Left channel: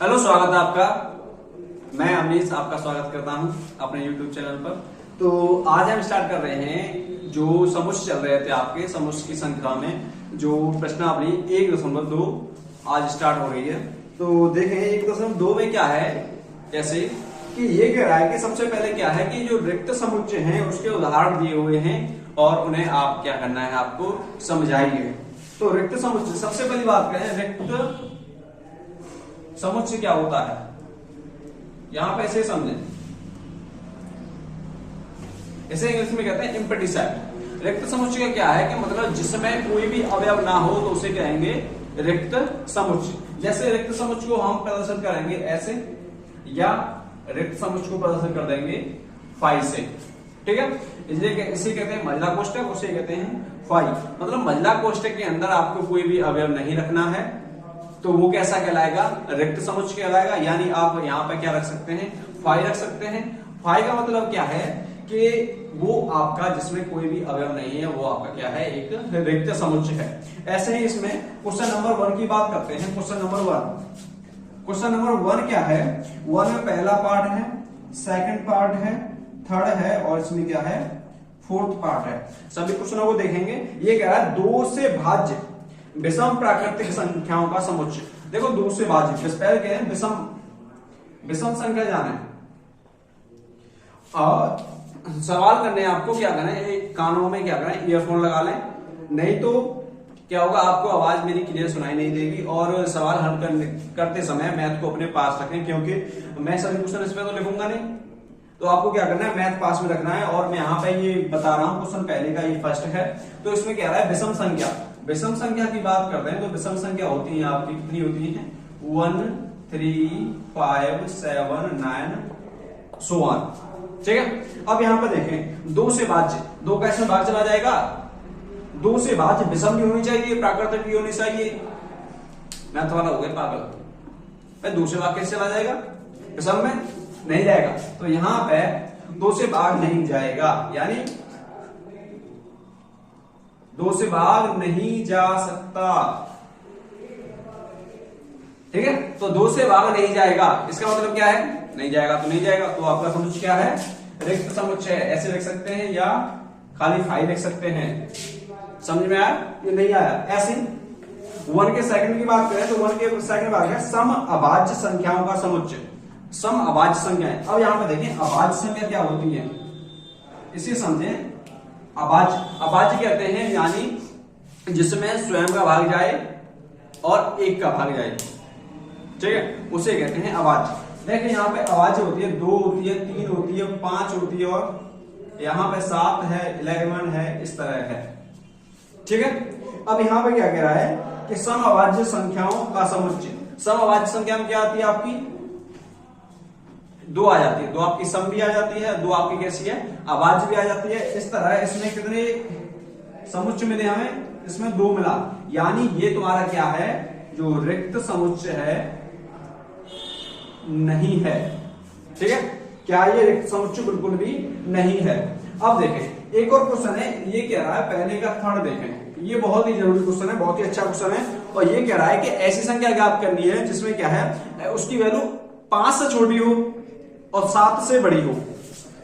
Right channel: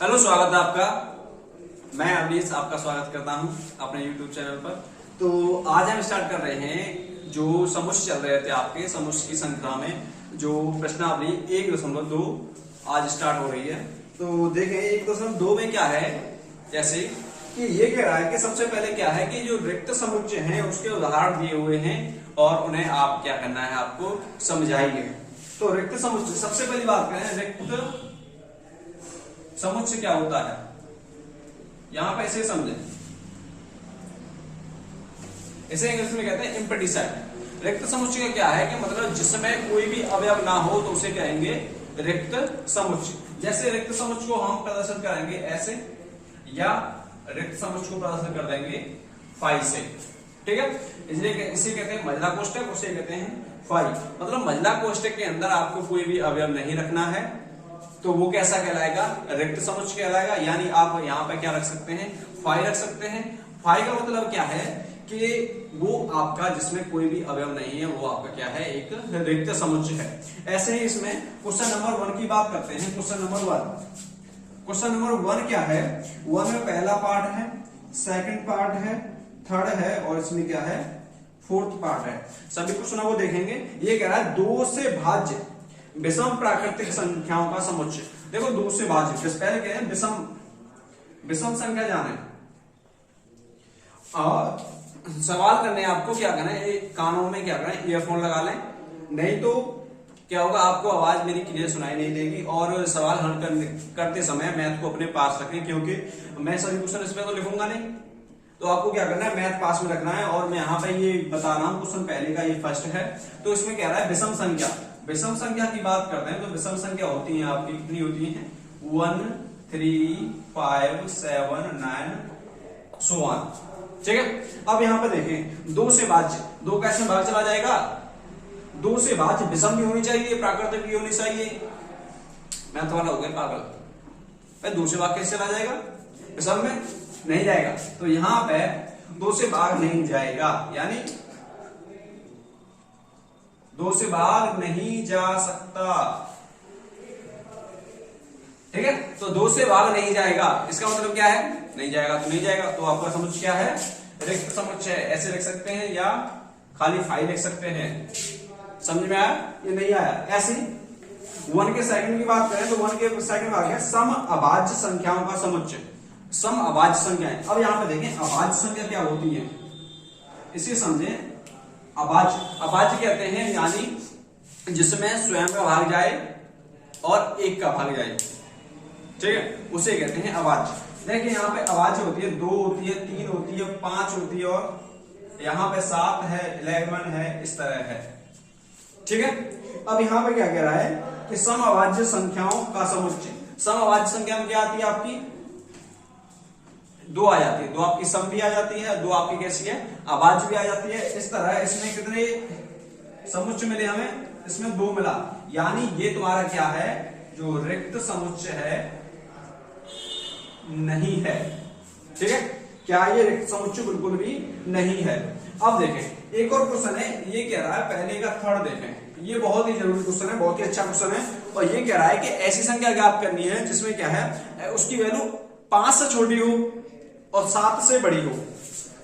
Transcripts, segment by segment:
Hello, स्वागत है आपका। मैं अमरीश आपका स्वागत करता हूं अपने YouTube चैनल पर। तो आज हम स्टार्ट कर रहे हैं जो समुच्चय चल रहे थे आपके समुच्चय की श्रृंखला में जो प्रश्नावली 1.2 आज स्टार्ट हो रही है। तो देखें 1.2 में क्या है, जैसे कि ये कह रहा है कि सबसे पहले क्या है कि जो रिक्त समुच्चय हैं उसके उदाहरण दिए हुए हैं और उन्हें आप क्या करना है, आपको समझाइए। तो रिक्त समुच्चय, सबसे पहली बात करें रिक्त समुच्चय क्या होता है, यहां पे इसे समझें। इसे इंग्लिश में कहते हैं एम्प्टी सेट। रिक्त समुच्चय का क्या है कि मतलब जिसमें कोई भी अवयव ना हो तो उसे कहेंगे रिक्त समुच्चय। जैसे रिक्त समुच्चय को हम प्रदर्शन करेंगे ऐसे, या रिक्त समुच्चय को प्रदर्शन कर देंगे फाई से, ठीक है। इसलिए इसे कहते हैं महिला कोष्टक, उसे कहते हैं फाई। मतलब महिला कोष्टक के अंदर आपको कोई भी अवयव नहीं रखना है तो वो कैसा कहलाएगा, रिक्त समुच्चय कहलाएगा। यानी आप यहाँ पे क्या रख सकते हैं, फाई रख सकते हैं। फाई का मतलब क्या है कि वो आपका जिसमें कोई भी अवयव नहीं है वो आपका क्या है, एक रिक्त समुच्चय है। ऐसे ही इसमें क्वेश्चन नंबर 1 की बात करते हैं। क्वेश्चन नंबर 1 क्या है, 1 में पहला पार्ट है, सेकंड पार्ट है, थर्ड है और इसमें क्या है, फोर्थ पार्ट है। सभी क्वेश्चनों को देखेंगे। ये कह रहा है 2 से भाज्य विषम प्राकृतिक संख्याओं का समुच्चय। देखो 2 से भाज्य, पहले क्या है, विषम संख्या जाने और सवाल करने आपको क्या करना है, कानों में क्या करना है, ईयरफोन लगा लें, नहीं तो क्या होगा, आपको आवाज मेरी क्लियर सुनाई नहीं देगी। और सवाल हल करते समय मैथ को अपने पास रखें, क्योंकि मैं सभी क्वेश्चन इसमें तो लिखूंगा नहीं। तो आपको क्या करना है, मैथ पास में रखना है। और मैं यहाँ पे ये बता रहा हूँ, क्वेश्चन पहले का ये फर्स्ट है। तो इसमें क्या रहा है, विषम संख्या। विषम संख्या की बात करते हैं तो विषम संख्या होती है आपकी, कितनी होती है, 1 3 5 7 9 so on, ठीक है। अब यहाँ पे देखें 2 से भाज्य, 2 कैसे भाग चला जाएगा, 2 से भाज्य विषम भी होनी चाहिए, प्राकृतिक भी होनी चाहिए। मैथ वाला हो गया पागल, 2 से भाग कैसे चला जाएगा, विषम में नहीं जाएगा। तो यहां पे 2 से भाग नहीं जाएगा, यानी 2 से भाग नहीं जा सकता, ठीक है। तो 2 से भाग नहीं जाएगा, इसका मतलब क्या है, नहीं जाएगा तो नहीं जाएगा। तो आपका समुच्चय क्या है, रिक्त समुच्चय है। ऐसे लिख सकते हैं या खाली फाई लिख सकते हैं। समझ में आया, ये नहीं आया। ऐसे 1 के सेकंड की बात करें तो 1 के सेकंड बात है सम अभाज्य संख्याओं का समुच्चय। सम अभाज्य संख्याएं। अब यहां पे देखें अभाज्य संख्या क्या होती है, इसे समझें। अभाज्य कहते हैं यानी जिसमें स्वयं का भाग जाए और 1 का भाग जाए, ठीक है, उसे कहते हैं अभाज्य। देखिए यहाँ पे अभाज्य होती है 2 होती है, 3 होती है, 5 होती है और यहाँ पे 7 है, 11 है, इस तरह है, ठीक है। अब यहाँ पे क्या कह रहा है कि सम अभाज्य संख्याओं का समुच्चय। सम अभाज्य संख्या में क्या आती है आपकी, 2 आ जाती है। 2 आपकी सम भी आ जाती है, 2 आपकी कैसी है, अभाज्य भी आ जाती है। इस तरह इसमें कितने समुच्चय मिले हमें, इसमें 2 मिला। यानी ये तुम्हारा क्या है, जो रिक्त समुच्चय है नहीं है, ठीक है। क्या ये रिक्त समुच्चय बिल्कुल भी नहीं है। अब देखें एक और क्वेश्चन है, ये कह रहा है, पहले का थर्ड देखें, ये बहुत ही जरूरी क्वेश्चन है, बहुत ही अच्छा क्वेश्चन है। और ये कह रहा है कि ऐसी संख्या ज्ञात करनी है जिसमें क्या है, उसकी वैल्यू 5 से छोटी हो और 7 से बड़ी हो।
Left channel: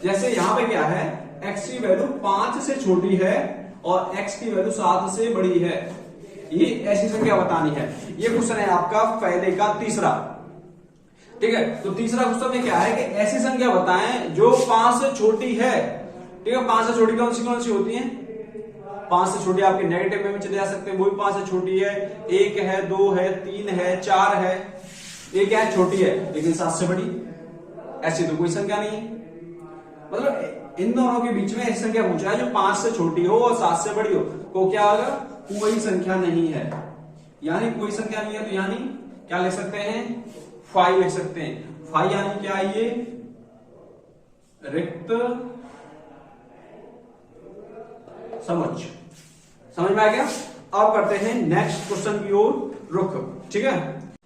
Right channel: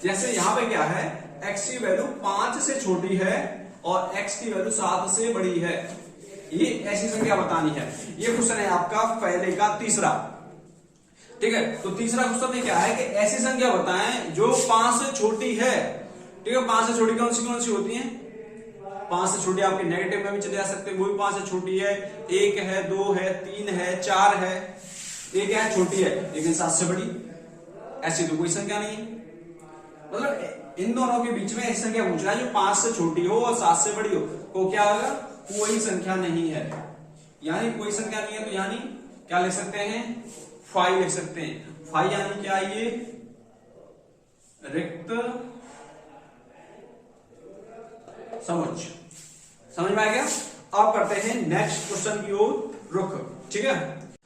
जैसे यहां पे क्या है, x की वैल्यू 5 से छोटी है और x की वैल्यू 7 से बड़ी है। ये ऐसी संख्या बतानी है। ये क्वेश्चन है आपका पहले का तीसरा, ठीक है। तो तीसरा क्वेश्चन में क्या है कि ऐसी संख्या बताएं जो 5 से छोटी है, ठीक है। 5 से छोटी कौन सी होती है, 5 से छोटी आपके नेगेटिव में भी चले जा सकते हैं, वो भी 5 से छोटी है। 1 है, 2 है, 3 है, 4 है, ये क्या है, छोटी है लेकिन 7 से बड़ी। ऐसी तो कोई संख्या नहीं है। मतलब इन दोनों के बीच में ऐसी संख्या पूछा है जो 5 से छोटी हो और 7 से बड़ी हो, तो क्या होगा, कोई संख्या नहीं है। यानी कोई संख्या नहीं है तो यानी क्या लिख सकते हैं, फाई लिख सकते हैं। फाई यानी क्या, ये रिक्त समुच्चय। समझ में आ गया। अब करते हैं नेक्स्ट क्वेश्चन की ओर रुख, ठीक है।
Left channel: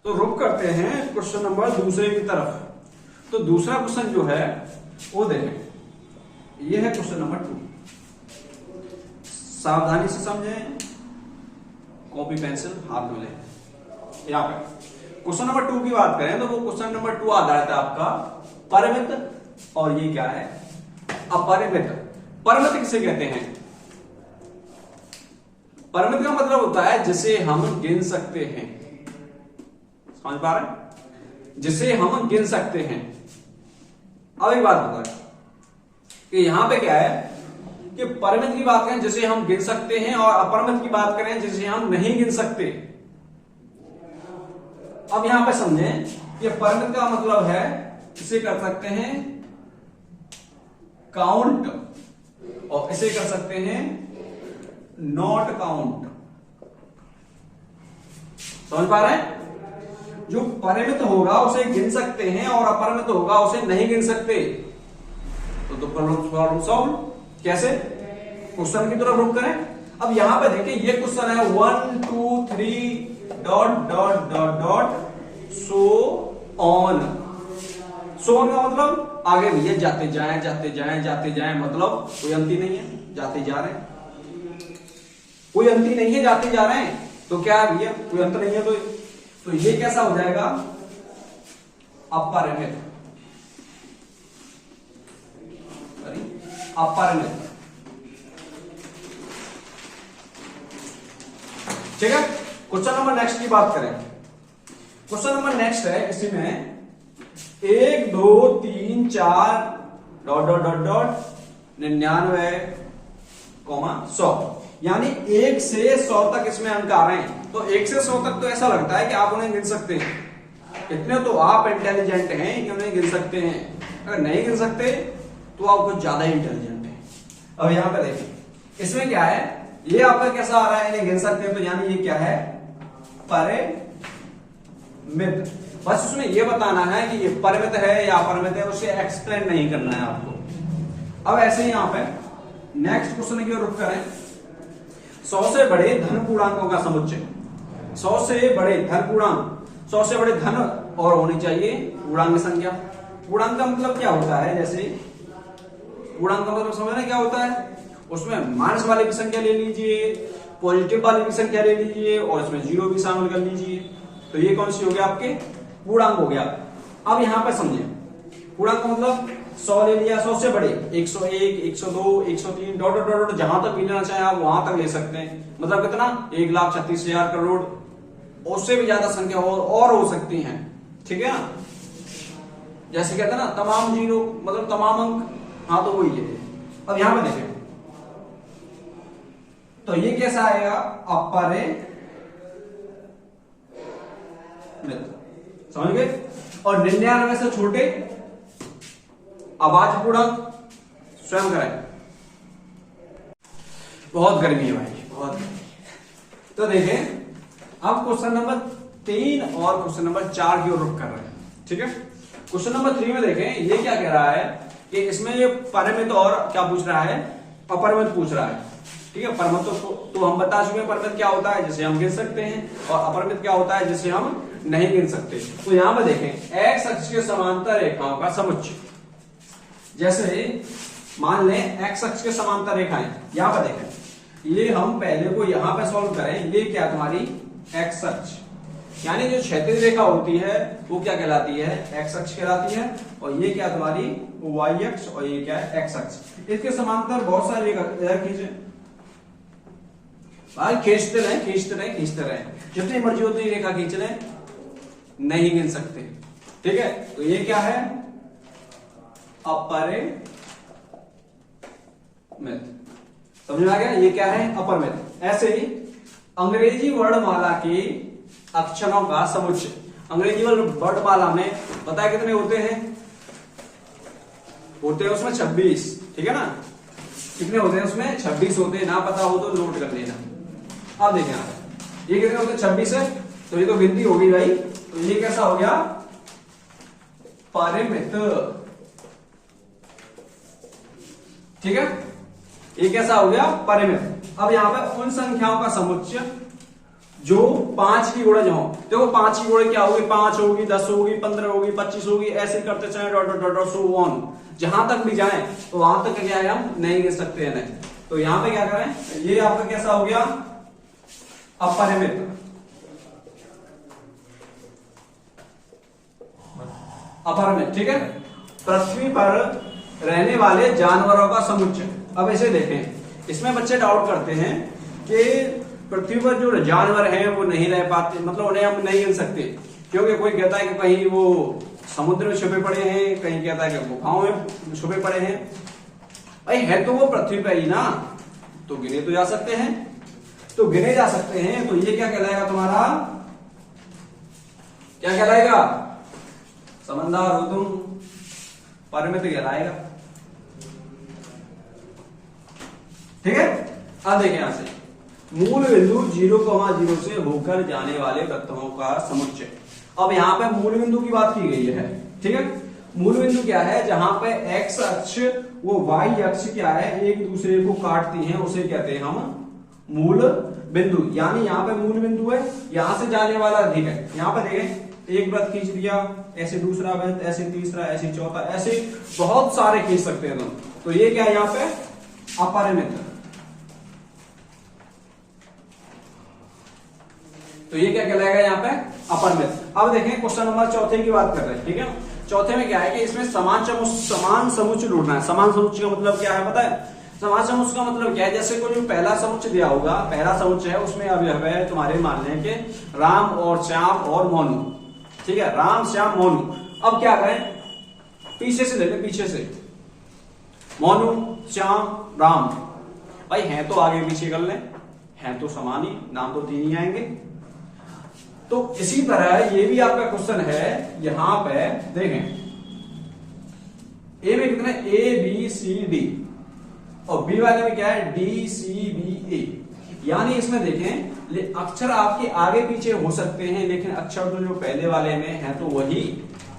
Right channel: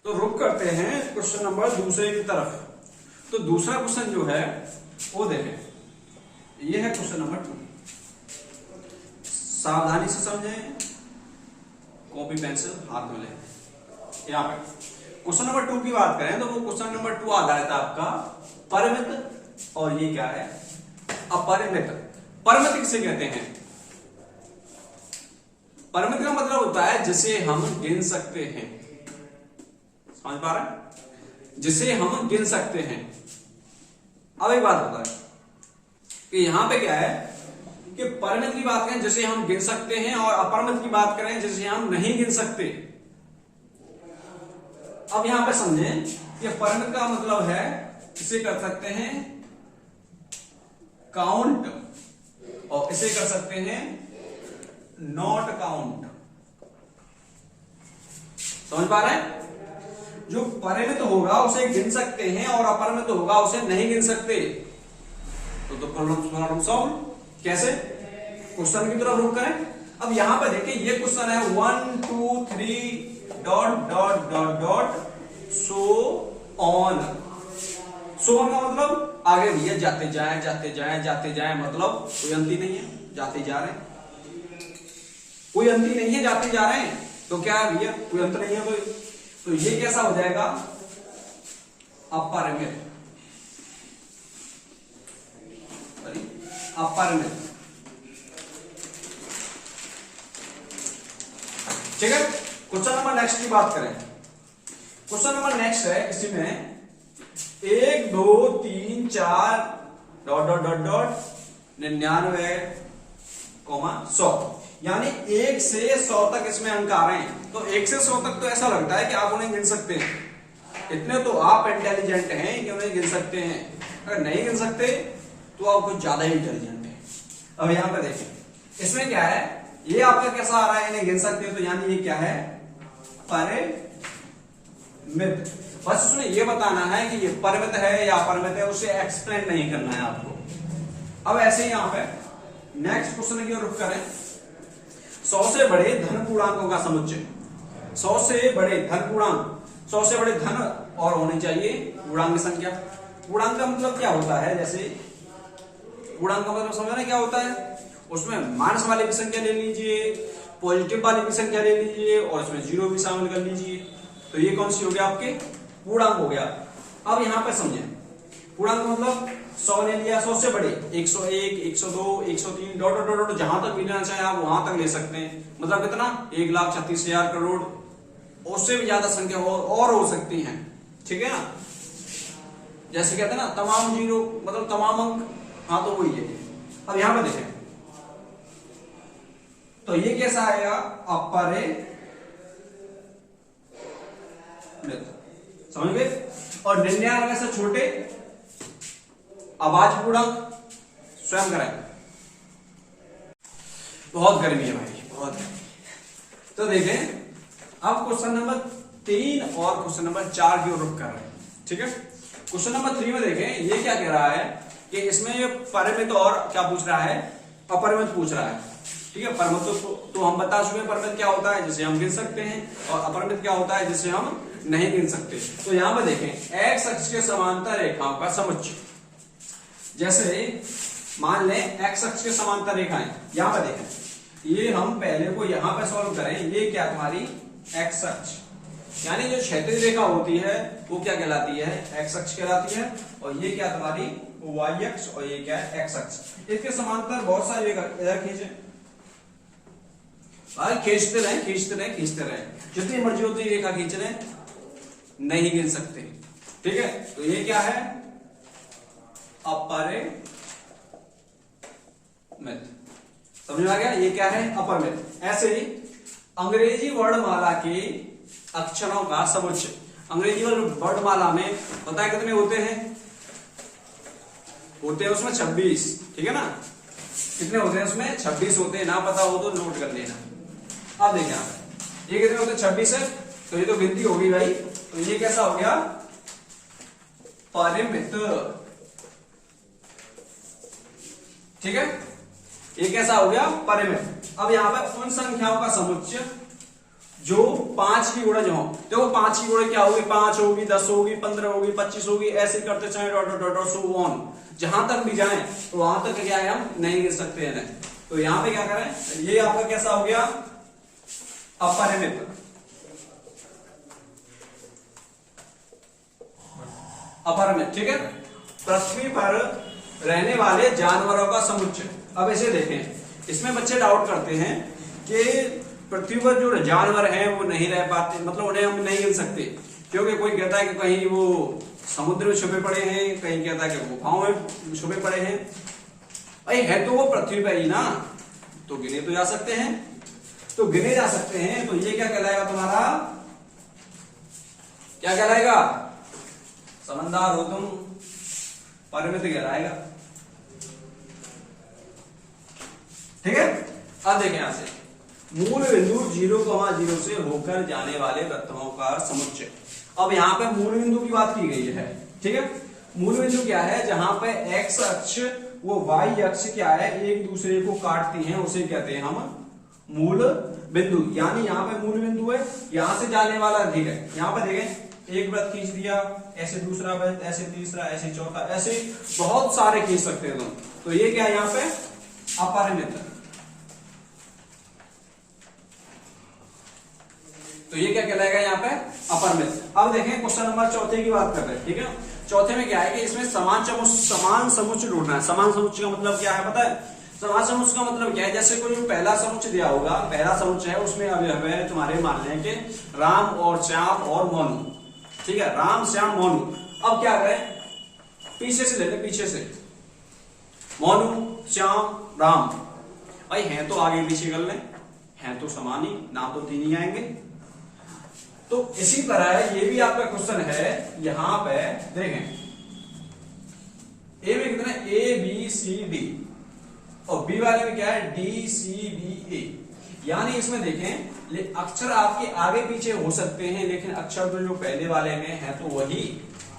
तो रुख करते हैं क्वेश्चन नंबर 2 की तरफ। तो दूसरा क्वेश्चन जो है वो देखें, ये है क्वेश्चन नंबर 2। सावधानी से समझें, कॉपी पेंसिल हाथ में लें। यहां पे क्वेश्चन नंबर 2 की बात करें तो वो क्वेश्चन नंबर 2 आ जाता है आपका परिमित, और ये क्या है अपरिमित। परिमित किसे कहते हैं? परिमित का मतलब होता है जिसे हम गिन सकते हैं, समझ पा रहे हैं? जिसे हम गिन सकते हैं। अब एक बात बता कि यहां पे क्या है कि परिमित की बात करें जिसे हम गिन सकते हैं, और अपरिमित की बात करें जिसे हम नहीं गिन सकते। अब यहां पे समझें कि परिमित का मतलब है इसे कर सकते हैं काउंट, और इसे कर सकते हैं नॉट काउंट। समझ पा रहे हैं? जो परिमित होगा उसे गिन सकते हैं, और अपरिमित होगा उसे नहीं गिन सकते। तो प्रॉब्लम सॉल्व कैसे? क्वेश्चन की तरफ रुक करें। अब यहां पे देखिए ये क्वेश्चन है 1 2 3 dot dot dot dot so on. So on का मतलब आगे भैया जाते जाएं जाते जाएं जाते जाएं, मतलब कोई अंत ही नहीं है, जाते जा रहे हैं, कोई अंत ही नहीं है, जाते जा रहे हैं। तो क्या है भैया, कोई अंत नहीं है, तो ये कैसा हो जाएगा अपरिमित। अपरिमित, ठीक है। क्वेश्चन नंबर नेक्स्ट की बात करें। क्वेश्चन नंबर नेक्स्ट है, इसी में 1 2 3 4 डॉट डॉट डॉट डॉट 99, 100, यानी 1 से 100 तक इसमें अंक आ रहे हैं। तो 1 से 100 तक तो ऐसा लगता है कि आप उन्हें गिन सकते हैं, इतने तो आप इंटेलिजेंट हैं कि उन्हें गिन सकते हैं। अगर नहीं गिन सकते तो आप कुछ ज्यादा इंटेलिजेंट हैं। अब यहां पर देखिए इसमें क्या है, ये आपका कैसा आ रहा है, इन्हें गिन सकते हैं, तो यानी ये क्या है परिमित। बस उसमें ये बताना है कि ये परिमित है या अपरिमित है, उसे एक्सप्लेन नहीं करना है आपको। अब ऐसे ही यहां पे नेक्स्ट क्वेश्चन की ओर रुख करें। 100 से बड़े धन पूर्णांकों का समुच्चय। 100 से बड़े धन पूर्णांक, 100 से बड़े धन और होनी चाहिए पूर्णांक संख्या। पूर्णांक का मतलब क्या होता है, जैसे पूर्णांक का मतलब समझ रहे क्या होता है, उसमें माइनस वाली भी संख्या ले लीजिए, पॉजिटिव वाली भी संख्या ले लीजिए, और इसमें जीरो भी शामिल कर लीजिए। तो ये कौन सी हो गया, आपके पूर्णांक हो गया। अब यहां पर समझे पूर्णांक का मतलब 100 ले लिया, 100 से बड़े 101 102 103 डॉट डॉट डॉट, जहां तक भी लेना चाहे आप वहां तक ले सकते हैं। मतलब कितना, 1,36,000 करोड़, उससे भी ज्यादा संख्या और हो सकती है, ठीक है ना। जैसे कहते हैं ना तमाम जीरो, मतलब तमाम अंक, हाँ तो वही है। अब यहां पर देखें तो ये कैसा आएगा, अपरिमित, समझ गए। और 99 से छोटे अभाज्य पूर्णांक स्वयं कराएं। बहुत गर्मी है भाई, बहुत गर्मी। तो देखें अब क्वेश्चन नंबर 3 और क्वेश्चन नंबर 4 की ओर रुख कर रहे हैं, ठीक है। क्वेश्चन नंबर 3 में देखें ये क्या कह रहा है कि इसमें परिमित और क्या पूछ रहा है, अपरिमित पूछ रहा है, ठीक है। परिमित तो हम बता चुके हैं, परिमित क्या होता है जिसे हम गिन सकते हैं, और अपरिमित क्या होता है जिसे हम नहीं गिन सकते। तो यहां पर देखें एक्स अक्ष के समांतर रेखाओं का समुच्चय। जैसे मान लें एक्स अक्ष के समांतर रेखाएं, यहां पर देखें ये हम पहले को यहां पर सॉल्व करें। ये क्या तुम्हारी एक्स अक्ष, यानी जो क्षैतिज रेखा होती है वो क्या कहलाती है, एक्स अक्ष कहलाती है। और ये क्या तुम्हारी वाई अक्ष, और ये क्या है एक्स अक्ष। इसके समांतर बहुत सारी रेखा खींचे, खींचते रहे खींचते रहे खींचते रहे, जितनी मर्जी होती रेखा खींच रहे, नहीं गिन सकते, ठीक है। तो ये क्या है, अपरिमित। समझ में आ गया, ये क्या है अपरिमित। ऐसे ही अंग्रेजी वर्णमाला के अक्षरों का समुच्चय। अंग्रेजी वर्णमाला में पता है कितने होते हैं, होते हैं उसमें 26, ठीक है ना। कितने होते हैं उसमें, 26 होते हैं। ना पता हो तो नोट कर लेना। अब देखिए ये कितने होते हैं, 26 है, तो ये तो गिनती होगी भाई। तो ये कैसा हो गया, परिमित, ठीक है। ये कैसा हो गया, परिमित। अब यहां पे उन संख्याओं का समुच्चय जो 5 की गुणज हो। देखो 5 की गुणज क्या होगी, 5 होगी, 10 होगी, 15 होगी, 25 होगी, ऐसे करते चले dot dot dot so on, जहां तक भी जाए तो वहां तक क्या है हम नहीं गिन सकते हैं। तो यहां पे क्या करें, ये आपका कैसा हो गया, अपरिमित, अपरिमित, ठीक है। पृथ्वी पर रहने वाले जानवरों का समुच्चय। अब ऐसे देखें, इसमें बच्चे डाउट करते हैं कि पृथ्वी पर जो जानवर हैं वो नहीं रह पाते, मतलब उन्हें हम नहीं गिन सकते, क्योंकि कोई कहता है कि कहीं वो समुद्र में छुपे पड़े हैं, कहीं कहता है कि गुफाओं में छुपे पड़े हैं। भाई है तो वो पृथ्वी पर ही ना, तो गिने तो जा सकते हैं, तो गिने जा सकते हैं। तो ये क्या कहलाएगा तुम्हारा, क्या कहलाएगा, समझदार हो तुम, परिमित कहलाएगा, ठीक है। अब देखें यहां से, मूल बिंदु 0,0 से होकर जाने वाले वृत्तों का समुच्चय। अब यहां पे मूल बिंदु की बात की गई है, ठीक है। मूल बिंदु क्या है, जहां पे एक्स अक्ष वो वाई अक्ष क्या है, एक दूसरे को काटती हैं, उसे कहते हैं हम मूल बिंदु। यानी यहाँ पे मूल बिंदु है, यहां से जाने वाला, ठीक है। यहाँ पे देखें, एक वृत्त खींच दिया, ऐसे दूसरा वृत्त, ऐसे तीसरा, ऐसे चौथा, ऐसे बहुत सारे खींच सकते हैं तुम। तो ये क्या है यहाँ पे, अपरिमित। तो ये क्या कहलाएगा यहाँ पे, अपरिमित। अब देखें क्वेश्चन नंबर 4 की बात कर रहे हैं, ठीक है। चौथे में क्या है कि इसमें समान समुच्चय ढूंढना है। समान समुच्चय का मतलब क्या है पता है, समान समुच्चय का मतलब क्या है, जैसे कोई जो पहला समुच्चय दिया होगा, पहला समुच्चय है, उसमें अवयव है तुम्हारे, मान लें कि राम और श्याम और मोनू, ठीक है, राम श्याम मोनू। अब क्या करें, पीछे से लेते, पीछे से, मोनू श्याम राम, भाई हैं तो आगे पीछे कर लें, हैं तो समान ही, नाम तो 3 ही आएंगे। तो इसी तरह ये भी आपका क्वेश्चन है, यहां पे देखें, ए में कितने, ए बी सी डी, और बी वाले में क्या है, डी सी बी ए। यानी इसमें देखें, अक्षर आपके आगे पीछे हो सकते हैं, लेकिन अक्षर तो जो पहले वाले में है तो वही,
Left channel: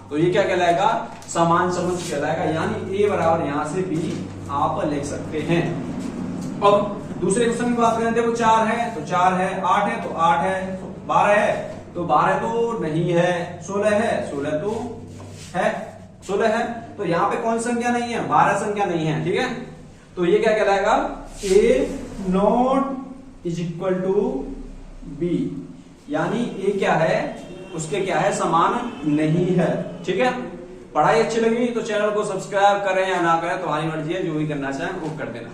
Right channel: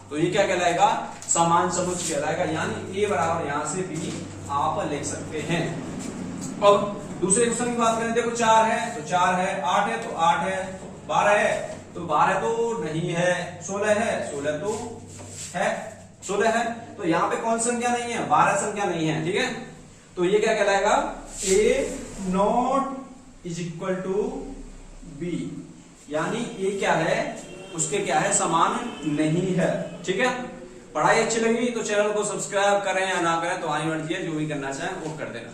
तो ये क्या कहलाएगा, समान समुच्चय कहलाएगा। यानी ए बराबर यहां से बी आप लिख सकते हैं। अब दूसरे क्वेश्चन की बात करें, देखो 4 है तो 4 है, 8 है तो 8 है, तो 12 है तो 12 तो नहीं है, 16 है, 16 तो है, 16 है। तो यहाँ पे कौन संख्या नहीं है, 12 संख्या नहीं है, ठीक है। तो ये क्या कहलाएगा, A not is equal to B, यानी ए क्या है, उसके क्या है, समान नहीं है, ठीक है। पढ़ाई अच्छी लगी तो चैनल को सब्सक्राइब करें या ना करें तो हमारी मर्जी है, जो भी करना चाहें वो कर देना।